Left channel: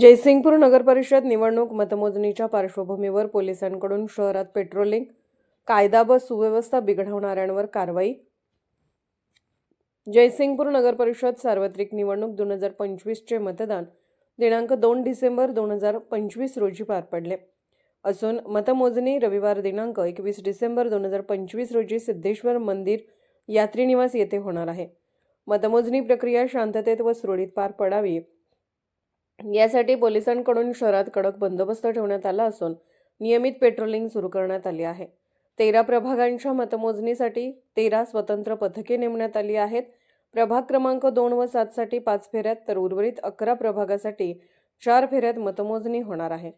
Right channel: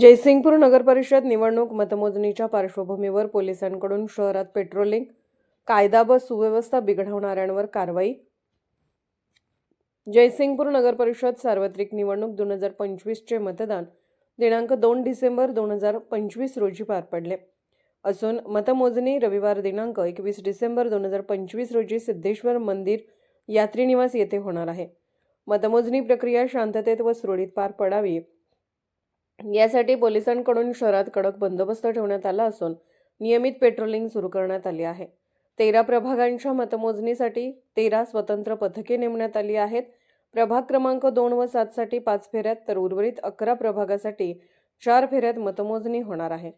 जयसिंगपूर नगरपरिषद निवडणूक मतमोजणीच्या पार्श्वभूमीवर पोलिसांकडून शहरात पेट्रोलिंग कायदा व सुव्यवस्था बिघडवणाऱ्यांवर कारवाई. जयसिंगपूर नगरपरिषद सार्वत्रिक निवडणूक दोन हजार पंचवीसचे मतदान दिनांक दोन डिसेंबर दोन हजार पंचवीस रोजी पार पडले. असून मतमोजणी रविवार दिनांक एकवीस डिसेंबर दोन हजार पंचवीस रोजी सिद्धेश्वर मंदिर यात्रीनिवास येथे होणार आहे. मतमोजणी प्रक्रिया शांततेत व सुरळीत पार पडावी यासाठी पोलिसांकडून शहरात कडक बंदोबस्त ठेवण्यात आला असून नियमित पेट्रोलिंग सुरू करण्यात आली आहे. तेरा प्रभागांच्या मतमोजणीसाठी तेरा स्वतंत्र पथके नेमण्यात आली आहेत. प्रभाग क्रमांक दोन व सातसाठी पाच फेऱ्यात तर उर्वरित अकरा प्रभागासाठी चार फेऱ्यात मतमोजणी होणार आहे.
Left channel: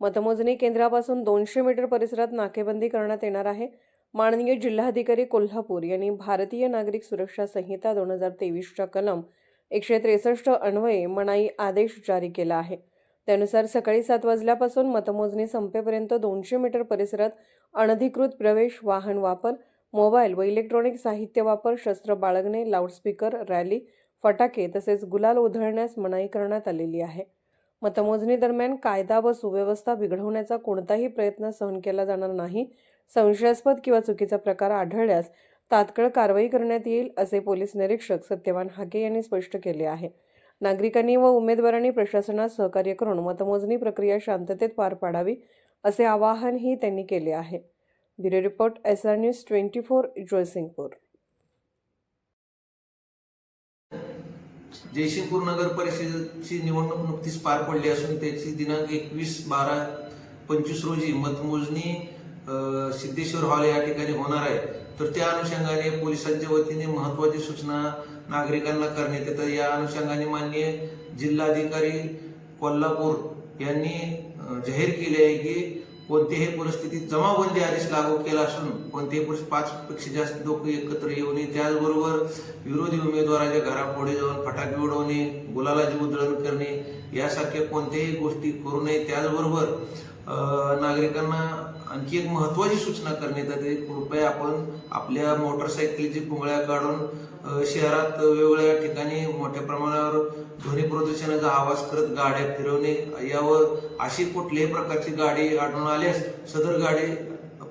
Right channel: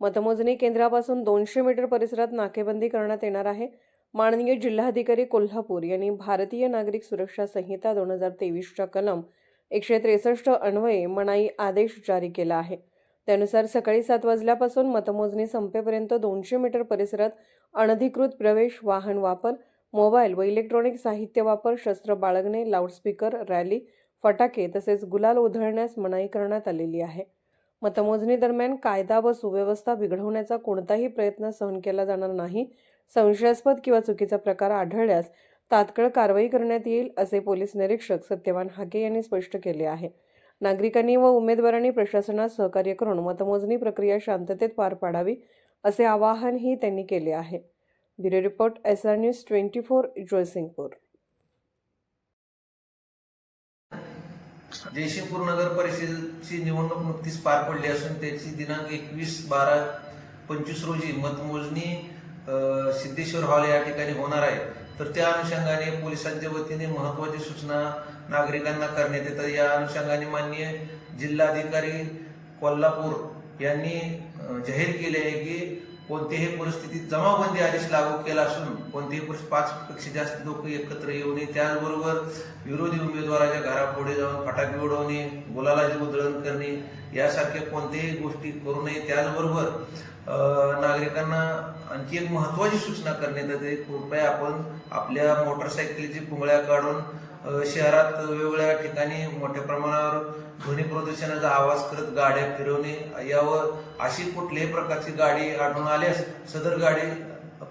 मतमोजणी केंद्रापासून दोनशे मीटर परिसरात नाकेबंदी करण्यात येणार आहे. माननीय जिल्हाधिकारी कोल्हापूर यांनी भारतीय नागरिक सुरक्षा संहिता दोन हजार तेवीसच्या कलम एकशे त्रेसष्ट अन्वये मनाई आदेश जारी केला आहे. त्यानुसार सकाळी सात वाजल्यापासून मतमोजणी संपेपर्यंत दोनशे मीटर परिसरात अनधिकृत प्रवेश वाहन वापर मोबाईल व इलेक्ट्रॉनिक साहित्य वापर शस्त्र बाळगणे लाऊडस्पीकर रॅली फटाके तसेच गुलाल उधळण्यास मनाई करण्यात आलेली आहे. मतमोजणी दरम्यान कायदा व सुव्यवस्था बिघडवण्याचा कोणताही प्रयत्न सहन केला जाणार नाही. संशयास्पद किंवा चुकीचा प्रकार आढळल्यास तात्काळ कारवाई करण्यात येईल असे पोलीस निरीक्षक सत्यवान हाके यांनी स्पष्ट केले आहे. नागरिकांनी व उमेदवारांनी प्रशासनास सहकार्य करून मतमोजणी प्रक्रिया शांततेत पार पाडावी असे आवाहनही त्यांनी केले आहे. Bureau report S R news twenty four Jaysingpur. Jaysingpur नगर परिषदेची निवडणूक नुकतीच पार पडली असून त्याची दिनांक एकवीस बारा पंचवीस रोजी मतमोजणी सिद्धेश्वर हॉल या ठिकाणी होणार आहे. तर त्या अनुषंगाने पोलिसांच्या वतीने महत्वाची सूचना नागरिकांना करण्यात येतात या अनुषंगाने माननीय जिल्हाधिकारी कोल्हापूर यांनी जाहीर केले आहे की कोणतीही परिस्थितीत जमावबंदी आदेश लागू केला असून कोणतेही पुरुष पाच पेक्षा जास्त लोक एकत्र येऊ नये. त्याचबरोबर विरोधी उमेदवाराच्या घरापुढे जाऊन फटाके उडवणे गुलालाची उधळण करणे यासारख्या कोणत्याही गोष्टी करू नये. त्याचबरोबर नागरिकांना आणखी एक महत्वाची सूचना करण्यात येते. कृपया आपण आपल्या मोटरसायकलीची कुंबळ्या काढून शहरात वेगवेगळ्या ठिकाणी मोठ्या प्रमाणावर ध्वनी प्रदूषणाचा आवाज करत गाड्या फिरवणे. यावर अशी कुठल्याही प्रकारची गाडी आढळून आल्यास सदर गाडी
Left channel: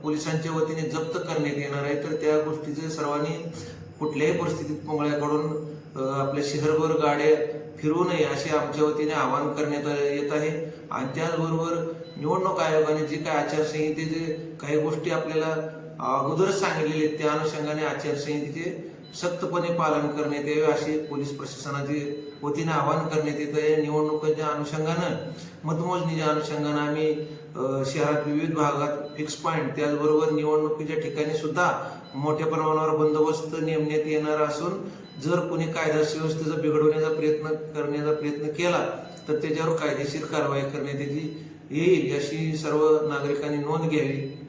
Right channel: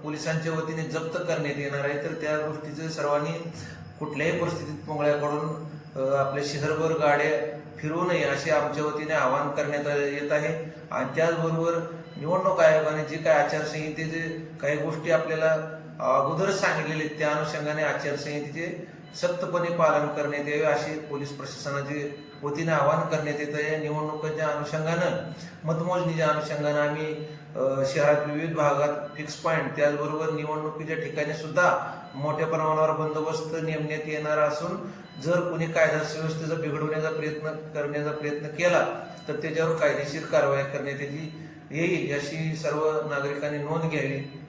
पोलिसांच्या वतीने जप्त करण्यात येणार आहे. तर त्या गोष्टीचं सर्वांनी कुठल्याही परिस्थितीत कुंबळ्या काढून आपल्या शहरभर गाड्या फिरू नये असे आमच्या वतीने आवाहन करण्यात येत आहे. आणि त्याचबरोबर निवडणूक आयोगाने जे काही आचारसंहितेचे काही गोष्टी आपल्याला अगोदरच सांगितलेले आहेत त्या अनुषंगाने आचारसंहितेचे सक्तपणे पालन करण्यात यावे असे पोलीस प्रशासनाचे वतीने आवाहन करण्यात येत आहे. निवडणुकीच्या अनुषंगानं मतमोजणीच्या अनुषंगानं आम्ही शहरात विविध भागात फिक्स पॉईंट त्याचबरोबर निवडणुकीच्या ठिकाणी सुद्धा मोठ्या प्रमाणावर बंदोबस्त नेमण्यात येणार असून जर कोणी कायदा सुव्यवस्थेचा बिघडवण्याचा प्रयत्न करण्याचा प्रयत्न केला तर त्याच्यावर कायदेशीर कारवाई करण्यात येईल. अशी सर्व नागरिकांनी नोंद घ्यावी.